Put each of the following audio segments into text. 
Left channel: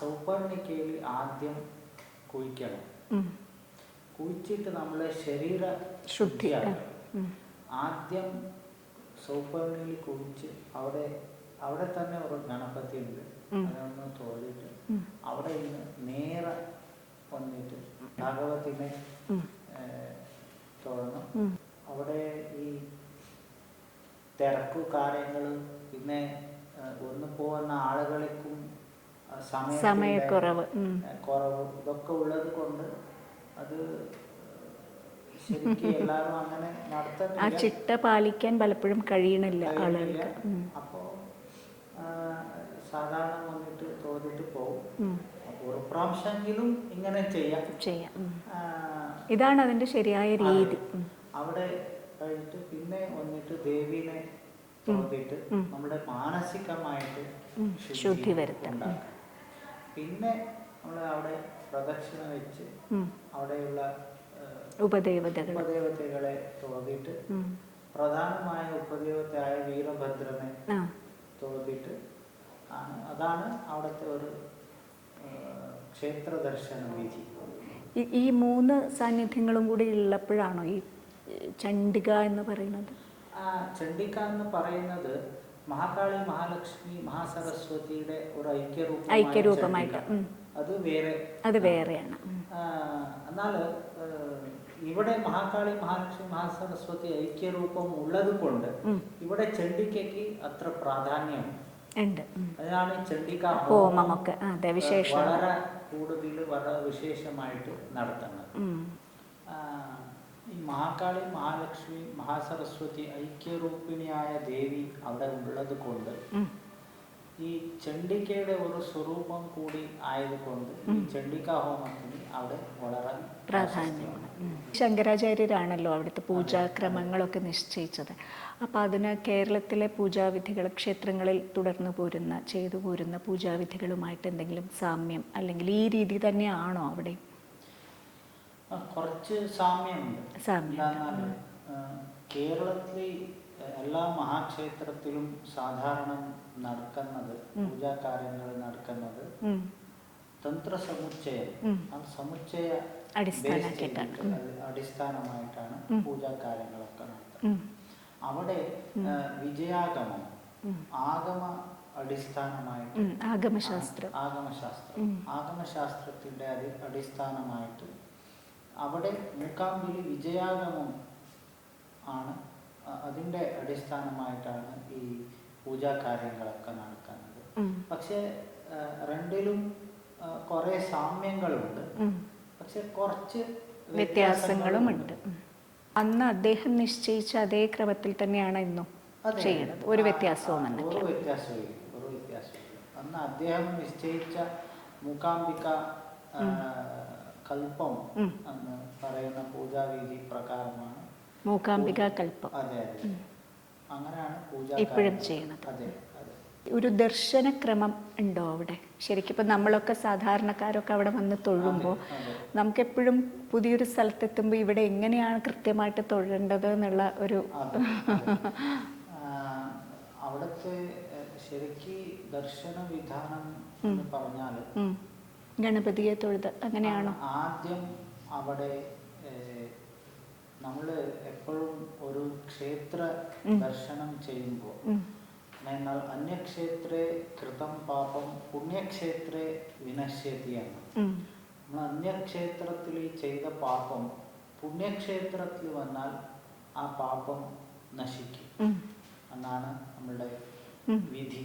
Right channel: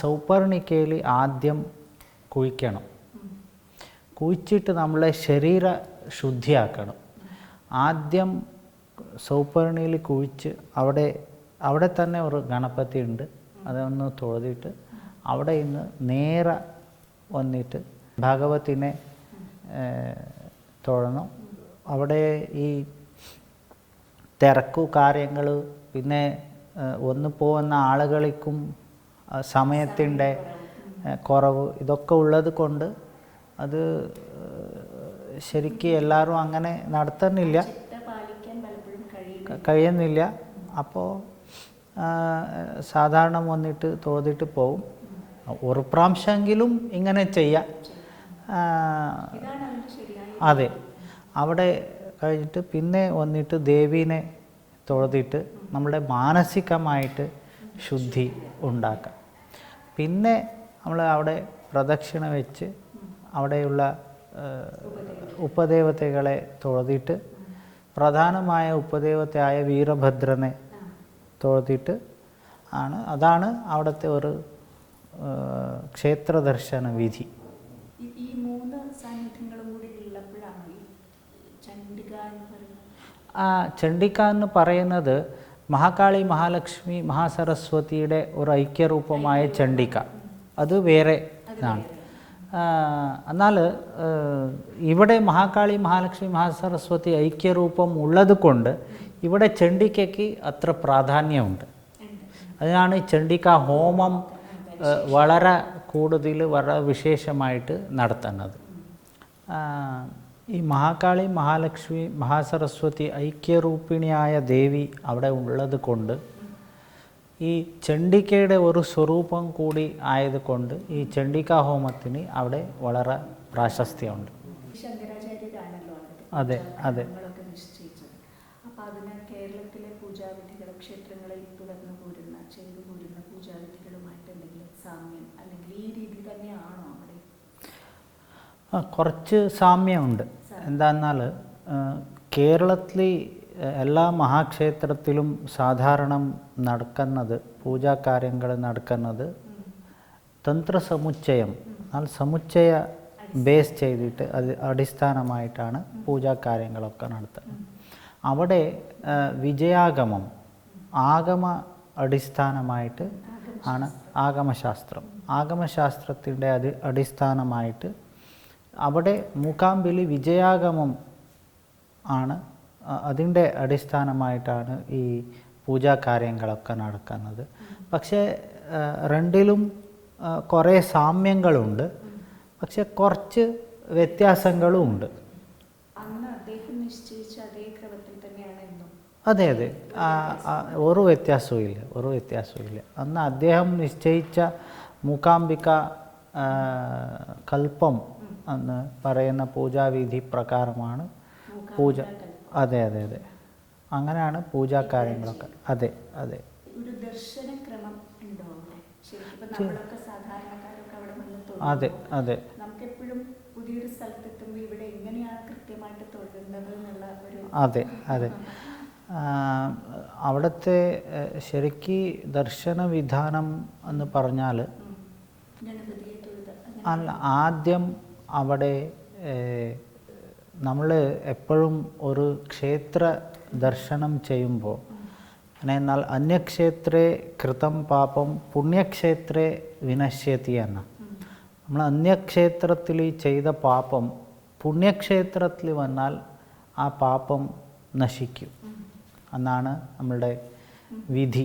സൗപർണിക്കയിൽ ആദ്യം കുഴിക്കണം. കുഴിച്ചിട്ട് നമ്മളെ ശരീര ശുദ്ധിയാക്കണം. ആദ്യം സൗപർണിയിൽ കുഴിച്ച് അവിടെ അവിടെ തന്നെ ഒരു ഗണപതി ഉണ്ട്. അതൊന്ന് തൊഴുതിട്ട് അവിടെ ഇന്ന് നേരെ വന്നിട്ട് ഭാഗവത്തിനെ തൊഴണം. അവിടെ ഈ തിരക്കു കാര്യങ്ങൾ പിന്നെ ഒന്ന് പോകുന്ന ആളുകൾക്കും സമയത്തിന്റെ. കുറവ് ഇതൊക്കെ ഉള്ളത് കൊണ്ട് അത് ശരിക്കും എല്ലാവരും അങ്ങനെ നടത്തുന്നില്ല. പാലിക്കാൻ പലപ്പോഴും കഴിയണില്ല. കഴിയുന്നില്ല. അപ്പോൾ സാധാരണ വന്നിട്ട് തോന്നിട്ട് പോവും. ഒരു പ്രാവശ്യമെങ്കിലും ഇങ്ങനെ ചെയ്യാം. ഇതാണ് അതിന്റെ ശരിയായ അതെ. അവിടെ കഴിഞ്ഞിട്ട് പിന്നെ വന്നിട്ട് ദേവീനെ തൊഴുതിട്ട് നമ്മുടെ മാനസികമായിട്ട് ശുദ്ധി ഉണ്ടാക്കാം. പിന്നെ നമ്മൾ അവിടെ പ്രദക്ഷിണ വെച്ച് അവിടെയുള്ള ഉപദേവതകളെ. തൊഴുതിട്ട് പ്രധാനമായ ഉപദേവതയായ വീരഭദ്രനെ തൊഴുതിട്ട് ആണ്. അതാണ് അവിടുത്തെ ഒരു ക്ഷേത്ര ദർശന വിധി. ഈ മൂന്ന് സാന്നിധ്യങ്ങളും കൂടി ഉള്ളപ്പോഴാണോ ഈ ചണ്ഡിക എന്ന് പറയുന്നത്? ആ ചണ്ഡിക എന്ന് പറയുന്നത് മഹാകാളി മഹാലക്ഷ്മി മഹാസരസ്വതിയുടെ ഒരു ഐക്യരൂപമായ ചണ്ഡിക. അത് വേറെ എന്നാൽ ഇവിടെ മഹാകാളി മഹാലക്ഷ്മി മഹാസരസ്വതി ഐക്യരൂപം ഉള്ളത് കൊണ്ട് ഇവിടെ ചണ്ഡികയ്ക്ക് അത്ര പ്രാധാന്യമുണ്ട്. അതാണ് ചണ്ഡിക ഹോമം വളരെ കൂടുതൽ വളരെ വിശേഷമായിട്ട് നടത്തുന്നത്. ഈ മഹാകാളി മഹാലക്ഷ്മി മഹാസരസ്വതി ഐക്യരൂപിണിയായ ദേവി അവിടെ ഉള്ളത് കൊണ്ട് ഈ ചണ്ഡികയുടെ ഒരു സ്വരൂപം കൂടി ആയതുകൊണ്ട് ഈ ചണ്ഡികാ ഹോമത്തിന് അവിടെ വളരെ പ്രാശസ്തിയുണ്ട്. ശങ്കരാചാര്യരാണല്ലോ അവിടുത്തെ പൂജാക്രമങ്ങളൊക്കെ നിശ്ചയിച്ചത്. അപ്പൊ അതിന് കേരളത്തിലെ പൂജാവിധികൾ ക്ഷേത്രങ്ങളിൽ തുടർന്നു പോരുന്ന ചെയ്തു പോരുന്ന പൂജാവിധികളുമായിട്ട് എന്തെങ്കിലും സാമ്യം അല്ലെങ്കിൽ ഈ രീതി തന്നെയാണോ അവിടെ? കുറച്ച് സാമ്യമുണ്ട്. സാമ്യം. എന്താന്നാൽ കേരളത്തിലെ എല്ലാ മഹാക്ഷേത്രത്തിലും സാധാരണ നടക്കുന്നത് പൂജാകാര്യങ്ങൾ നടക്കുന്നത് തന്ത്ര സമുച്ചയം ആ സമുച്ചയ ബേസ് ചെയ്തിട്ട് അത് അടിസ്ഥാനമായിട്ടാണ് പൂജാകാര്യങ്ങളൊക്കെ നടത്തുന്നത്. അവിടെ വിജയാഗമം ആഗമ അടിസ്ഥാനമായിട്ട് ആണ് ആഗമശാസ്ത്രം. ആഗമശാസ്ത്രത്തിന്റെ അത് അടിസ്ഥാനമായിട്ട് അവിടെ മൂകാംബിലി വിജയാഗമം ആണ്. അതിന്റെ അടിസ്ഥാനമായിട്ടാണ് ഈ പൂജാകാര്യങ്ങളൊക്കെ നടക്കുന്നത്. പക്ഷേ രണ്ടിലും കുറേ സാമ്യങ്ങളുണ്ട്. പക്ഷെ കുറച്ച് വ്യത്യാസങ്ങളും ഉണ്ട് അന്ന് അദ്ദേഹം നിശ്ചയിച്ച അതേ ക്രമത്തിൽ തന്നെയാണ് ഇന്നും അതെ അതെ. ഒരു വ്യത്യാസവും ഇല്ല ഒരു വ്യത്യാസവും ഇല്ല അന്ന് അദ്ദേഹം നിശ്ചയിച്ച മൂകാംബിക കൽപ്പം എന്ന് പറയുന്ന പൂജാവിധി പ്രകാരമാണ് പൂജ അതെ അതെ അതെ. അങ്ങനെയാണ് പൂജാ കാര്യങ്ങൾ അതെ അതെ. ഒരു ദർശന ക്രമം ഉണ്ടോ അവിടെ? ശരിക്കും ഇപ്പൊ നമ്മളൊക്കെ സാധാരണക്കാരൊക്കെ അവിടെ വന്ന് തൊഴുമ്പോൾ നമുക്ക് എപ്പോഴും പുതിയൊരു സ്ഥലത്തെത്തുമ്പോൾ ഇവിടെ എങ്ങനെയാണ് കൃത്യമായിട്ട് തൊഴേണ്ടത് എന്നുള്ള ഒരു അതെ അതെ. അവിടുത്തെ ശരിക്ക് ദർശന വിധാനം എന്ന് പറഞ്ഞാൽ ഗണപതിയെ തൊഴുത്. അങ്ങനെയാണ്. ആദ്യം അവിടെ നമ്മൾ എപ്പോഴും ഒരു ക്ഷേത്ര ദർശനം ചെയ്യുമ്പോൾ എന്നാൽ അന്യക്ഷേത്രേ കൃതം പാപം പുണ്യക്ഷേത്രേ വിനശ്യതി എന്ന. നമ്മൾ അന്യക്ഷേത്രത്തിൽ ചെയ്ത പാപം പുണ്യക്ഷേത്രത്തിൽ വന്നാൽ ആ പാപം നശിക്കും. എന്നാണ് നമ്മളുടെ വിധി.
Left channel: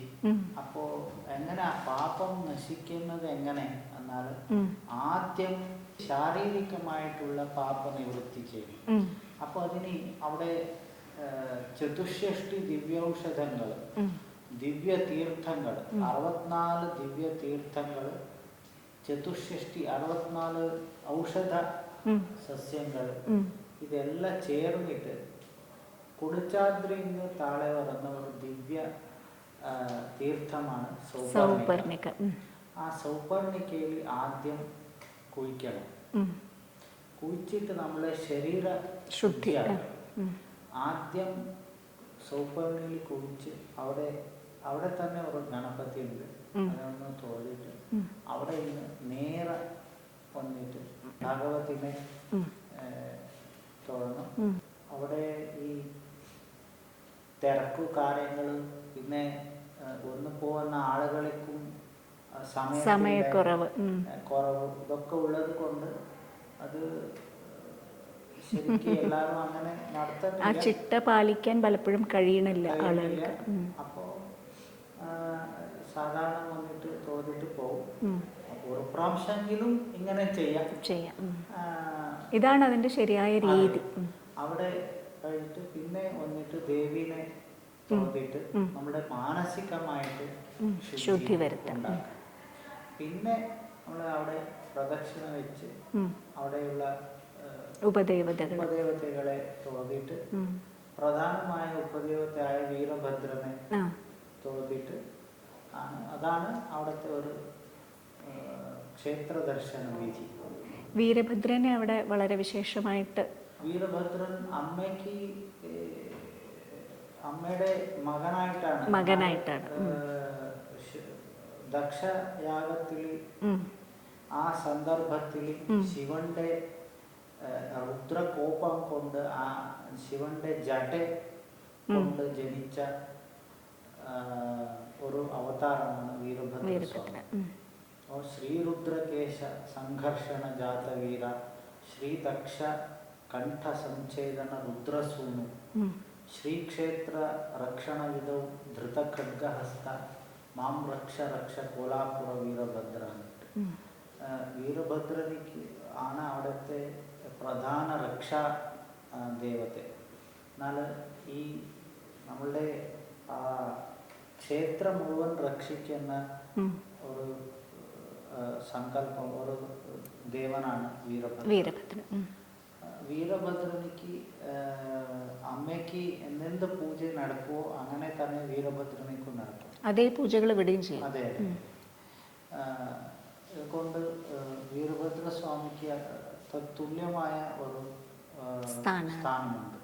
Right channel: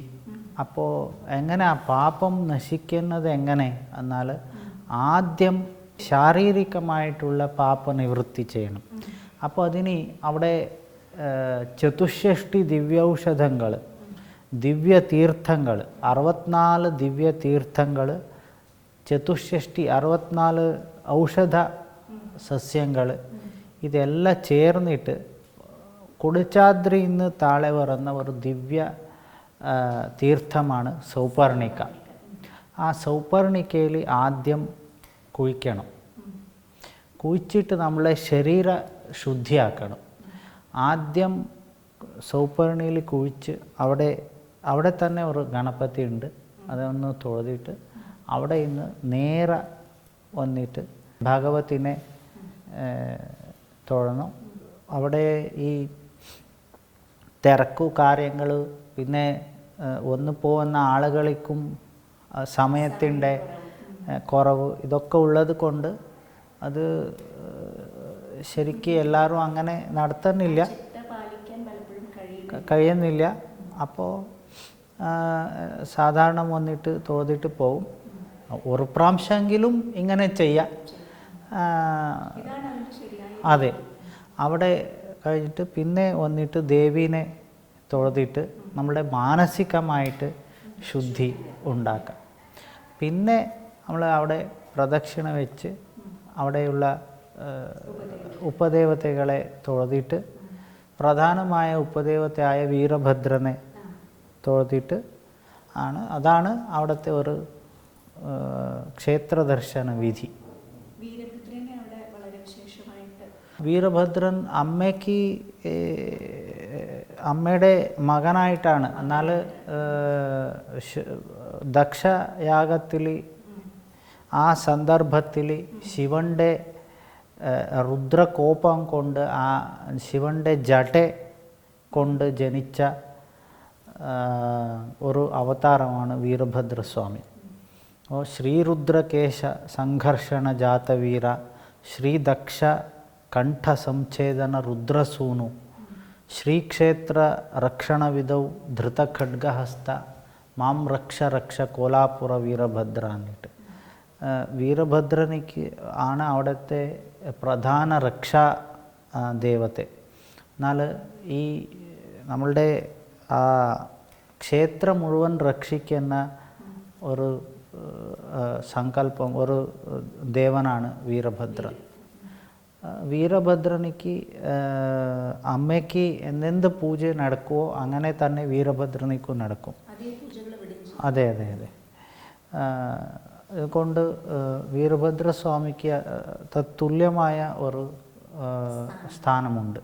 അപ്പോ എങ്ങനെ പാപം നശിക്കുന്നത് എങ്ങനെ? എന്നാൽ ആദ്യം ശാരീരികമായിട്ടുള്ള പാപ നിവൃത്തി ചെയ്യണം. അപ്പോൾ അതിന് അവിടെ ഏഹ്, ദിവ്യൌഷധങ്ങൾ ദിവ്യ തീർത്ഥങ്ങൾ അറുപത്തിനാല് ദിവ്യ തീർത്ഥങ്ങൾ ചതുഷ്ഷഷ്ടി അറുപത്തിനാല് ഔഷധ സസ്യങ്ങൾ ഇതെല്ലാം ചേർന്നിട്ട് കുടിച്ചാദ്രിയിൽ നിന്ന് താഴെ പറയുന്ന ഒരു ദിവ്യ തീർത്ഥമാണ് സൗപർണിക. ആ സൗപർണിക്കയിൽ ആദ്യം കുഴിക്കണം. കുഴിച്ചിട്ട് നമ്മളെ ശരീര ശുദ്ധിയാക്കണം. ആദ്യം സൗപർണിയിൽ കുഴിച്ച് അവിടെ അവിടെ തന്നെ ഒരു ഗണപതി ഉണ്ട്. അതൊന്ന് തൊഴുതിട്ട് അവിടെ ഇന്ന് നേരെ വന്നിട്ട് ഭാഗവത്തിനെ തൊഴണം. അവിടെ ഈ തിരക്കു കാര്യങ്ങൾ പിന്നെ ഒന്ന് പോകുന്ന ആളുകൾക്കും സമയത്തിന്റെ കുറവ് ഇതൊക്കെ ഉള്ളത് കൊണ്ട് അത് ശരിക്കും എല്ലാവരും അങ്ങനെ നടത്തുന്നില്ല. പാലിക്കാൻ പലപ്പോഴും കഴിയണില്ല. കഴിയുന്നില്ല. അപ്പോൾ സാധാരണ വന്നിട്ട് തോന്നിട്ട് പോവും. ഒരു പ്രാവശ്യമെങ്കിലും ഇങ്ങനെ ചെയ്യാം. ഇതാണ് അതിന്റെ ശരിയായ അതെ. അവിടെ കഴിഞ്ഞിട്ട് പിന്നെ വന്നിട്ട് ദേവീനെ തൊഴുതിട്ട് നമ്മുടെ മാനസികമായിട്ട് ശുദ്ധി ഉണ്ടാക്കാം. പിന്നെ നമ്മൾ അവിടെ പ്രദക്ഷിണ വെച്ച് അവിടെയുള്ള ഉപദേവതകളെ. തൊഴുതിട്ട് പ്രധാനമായ ഉപദേവതയായ വീരഭദ്രനെ തൊഴുതിട്ട് ആണ്. അതാണ് അവിടുത്തെ ഒരു ക്ഷേത്ര ദർശന വിധി. വീരഭദ്രനെ അവിടെ വളരെ വിശേഷമായിട്ട് വീരഭദ്രൻ അമ്മയ്ക്ക് ഏ, അമ്മയുടെ മകനായിട്ടാണ്. എന്നാൽ ദക്ഷയാഗത്തിൽ ആ സന്ദർഭത്തിൽ ശിവന്റെ രുദ്രകോപം കൊണ്ട് ആ ശിവന്റെ ജട കൊണ്ട് ജനിച്ച ഒരു അവതാരമാണ് വീരഭദ്രസ്വാമി. അപ്പോൾ ശ്രീരുദ്രകേശ സംഘർഷണ ജാതവീര ശ്രീദക്ഷ കണ്ഠസംഛേദന രുദ്രസൂനു ಶ್ರೀಕ್ಷೇತ್ರ ರಕ್ಷಣವಿದೌ ಧೃತ ಖಡ್ಗಹಸ್ತ മാം രക്ഷ രക്ഷ കോലാപുര വീരഭദ്ര എന്നിട്ട് ആ, വീരഭദ്രനിക്ക് ആണ് അവിടുത്തെ പ്രധാന രക്ഷാ ആ, ദേവത്തെ എന്നാൽ ഈ നമ്മളുടെ ആ ക്ഷേത്രം മുഴുവൻ രക്ഷിക്കുന്ന ഒരു ആ, സങ്കല്പം ഒരു ദേവനാണ് വീരഭദ്ര വീരഭദ്രൻ ഉം. ആ, വീരഭദ്രനിക്ക് അമ്മയ്ക്ക് എന്തെന്ത് പൂജ നടക്കുമോ അങ്ങനെ തന്നെ വീരഭദ്രനിക്കും നടക്കും. അതേ പൂജകൾ ഇവിടെയും ചെയ്യും. അതെ അതെ അതെ. അതുകൊണ്ട് വീരഭദ്രസ്വാമിക്ക് തത്തുല്യമായ ഒരു സ്ഥാനമുണ്ട്.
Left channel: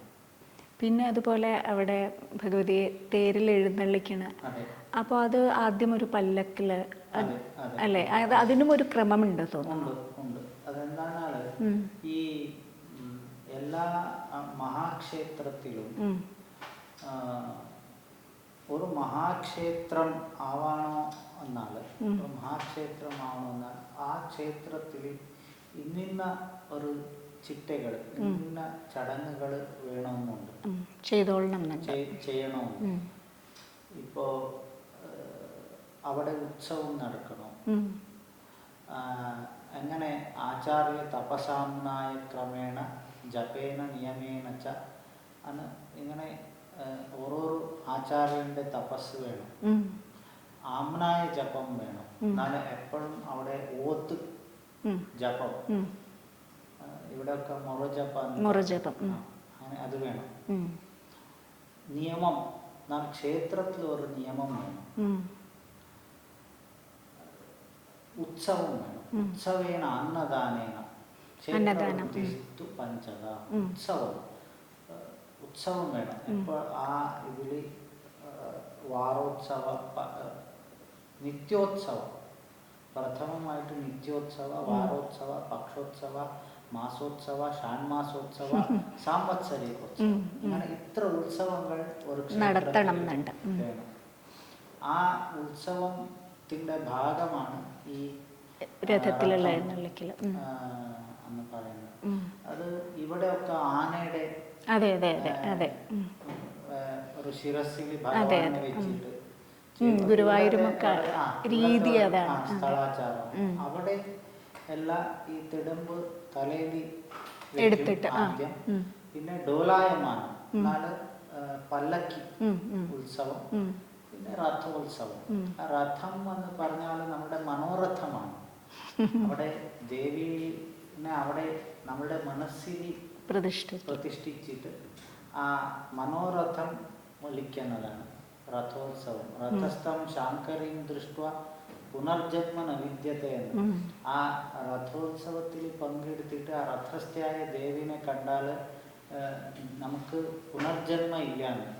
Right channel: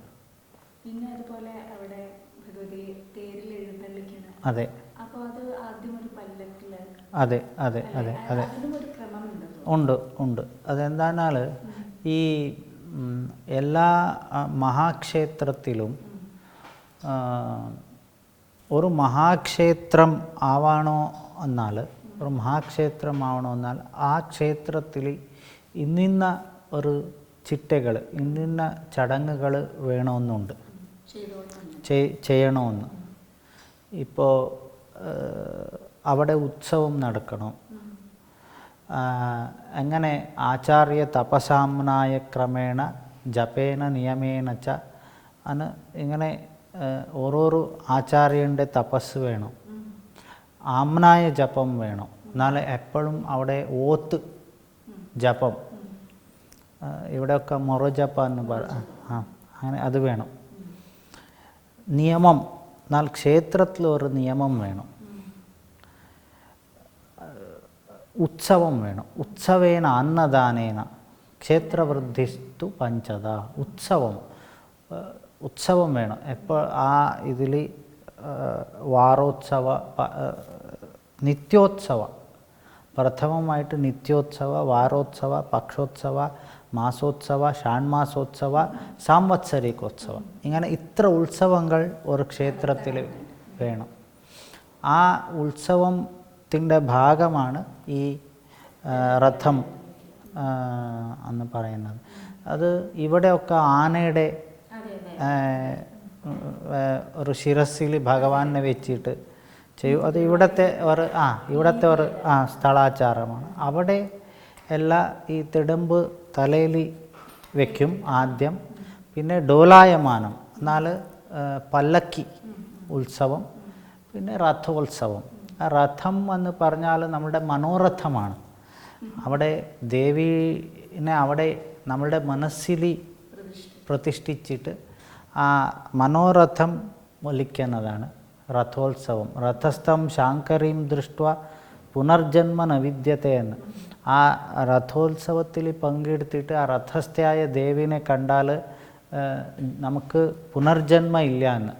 പിന്നെ അതുപോലെ അവിടെ ഭഗവതിയെ തേരിൽ എഴുന്നള്ളിക്കണ. അതെ. അപ്പോൾ അത് ആദ്യം ഒരു പല്ലക്കിൽ അതെ അതെ അതിനും ഒരു ക്രമമുണ്ട് ഉണ്ട് ഉണ്ട്. അതെന്താണെന്നാൽ ഈ എല്ലാ മഹാക്ഷേത്രത്തിലും ഒരു മഹാക്ഷേത്രം ആവണോ എന്നാൽ ഒരു മഹാക്ഷേത്രം ആവണോ എന്നാൽ ആ ക്ഷേത്രത്തിൽ ഇന്നിന്ന ഒരു ചിട്ടകൾ ഇന്നിന്ന ചടങ്ങുകൾ വേണമെന്നുണ്ട്. ചെയ്യണമെന്ന്. ഇപ്പോൾ അവിടെ ഉത്സവം നടക്കണം. അങ്ങനെ ആചാര്യ തപസാമ്നായ ക്രമേണ ജപേന നിയമേന ച അന്ന് ഇങ്ങനെ ഓരോരോ ആചാര്യന്റെ തപസ് വേണം. ആമ്നായ ജപം വേണം. എന്നാൽ എപ്പോഴും അവിടെ ഓത്ത് ജപം. ഇവിടെയൊക്കെ മൊറജപ്പ അങ്ങനെ അത് വേണം. നിയമം എന്നാൽ ക്ഷേത്രത്തിൽ ഒരു നിയമം വേണം. ഉത്സവം വേണം. ഉത്സവേന അന്നദാനേന. ക്ഷേത്രവൃദ്ധിസ്തു പഞ്ചത ഉത്സവം. ഉത്സവം വേണം. എപ്പോൾ ആ ഇതിൽ വാരോത്സവ നിത്യോത്സവ. പ്രഥമമായിട്ട് നിത്യോത്സവ വാരോത്സവ പക്ഷോത്സവ മാസോത്സവ ഷാൺമാസോത്സവ സാംവത്സരികോത്സവ. ഇങ്ങനെ ഇത്ര ഉത്സവങ്ങൾ ഒരു ക്ഷേത്രത്തിൽ വേണം. ആ ഉത്സവത്തിന്റെ ഭാഗമാണ് ഈ രഥം എന്ന് പറയുന്നത്. അത് ഇവിടെയൊക്കെ ആനയുടെ ഒരു ശിരസിൽ ഭഗവാനെ വെച്ചിട്ട്. ചെയ്യും അത് ഇവിടത്തെ ഒരു ആ ഇവിടത്തെ ഒരു ആ സ്ഥലാചാരമാണ് അവിടെ എല്ലാ ഈ തെടുമ്പ് തലയിൽ വെക്കും ആദ്യം. പിന്നെ ഡോലായമാനം എന്നാൽ പല്ലക്കി ഉത്സവം. പിന്നെ രഥോത്സവം. രഥം എന്ന് പറഞ്ഞാൽ നമ്മുടെ മനോരഥമാണ്. അവിടെ ദേവീനെ അവിടെ നമ്മുടെ മനസ്സിൽ പ്രതിഷ്ഠിച്ചിട്ട് ആ മനോരഥം ഒലിക്കുന്നതാണ് രഥോത്സവം. രഥസ്ഥം ശാങ്കരീം ദൃഷ്ട പുനർജന്മ നവിദ്യത്തെ എന്ന്. ആ രഥോത്സവത്തിൽ പങ്കെടുത്തിട്ട് ആ രഥസ്ഥയായ ദേവിനെ കണ്ടാൽ നമുക്ക് പുനർജന്മ ഇല്ല എന്ന്.